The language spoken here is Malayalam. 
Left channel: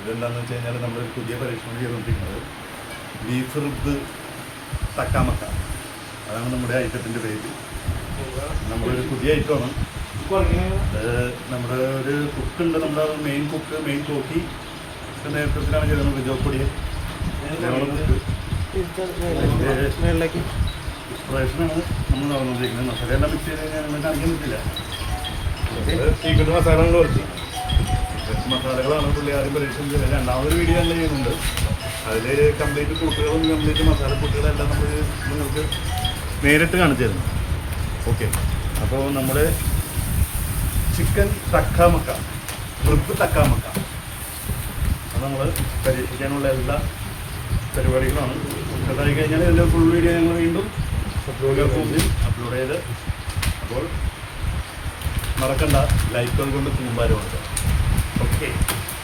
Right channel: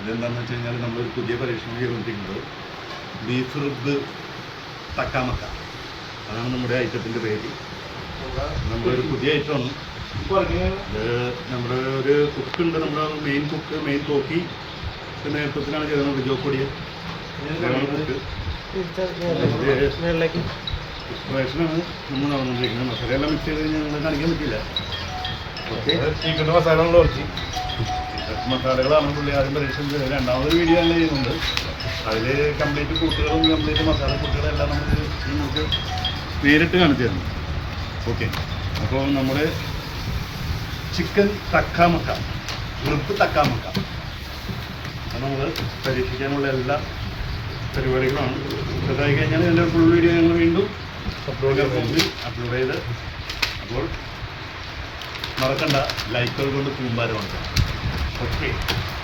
ഇതെന്താണെന്ന് വെച്ച് കഴിഞ്ഞാൽ നമ്മളൊരു പുതിയ പരീക്ഷണം ചെയ്തുകൊണ്ടിരിക്കുന്നത് ബീഫ് റിബ് തക്കാമക്ക. അതാണ് നമ്മുടെ ഐറ്റത്തിൻ്റെ പേര്. നമ്മളൊരു പുതിയ ഐറ്റമാണ്. അത് നമ്മുടെ ഒരു കുക്കുണ്ട്, നമ്മുടെ മെയിൻ കോക്കി നേതൃത്വത്തിലാണ് ചെയ്തത്. വിജോക്കൊടിയ കുക്ക് ഇൻസ്പിറേഷനാണ് നമ്മൾ നടന്നുകൊണ്ടിരിക്കുന്നത്. മസാലയെല്ലാം മിക്സ് ചെയ്ത് കഴിഞ്ഞാൽ ഞങ്ങൾ കാണിക്കാൻ പറ്റില്ല. മസാലകളാണ് പുള്ളി ആദ്യം പരീക്ഷണം ചെയ്യുന്നത്. രണ്ടാമതൊരു വീഡിയോ ഞങ്ങൾ ചെയ്യുന്നുണ്ട്. അതിൽ കംപ്ലീറ്റ് കൂട്ടുകളും കംപ്ലീറ്റ് മസാല കൂട്ടുകളെല്ലാം നമുക്ക് നേരിട്ട് കാണിച്ചു തരുന്നു. ഓക്കെ, അപ്പോൾ നമ്മൾ ചിക്കൻ തക്കാമക്ക, റിബ് തക്കാമക്ക, അത് നമ്മൾ പരീക്ഷിക്കാനുള്ള എല്ലാ പരിപാടികളാണ്. അതായി കഴിഞ്ഞാൽ എൻ്റെ ഫുൾ വീഡിയോ ഞങ്ങൾ വീണ്ടും അപ്ലോഡ് ചെയ്ത്, അപ്പോൾ മറക്കണ്ട ലൈക്കുകൾ കൊണ്ട് കൂമ്പാരമാണ്. ഓക്കെ.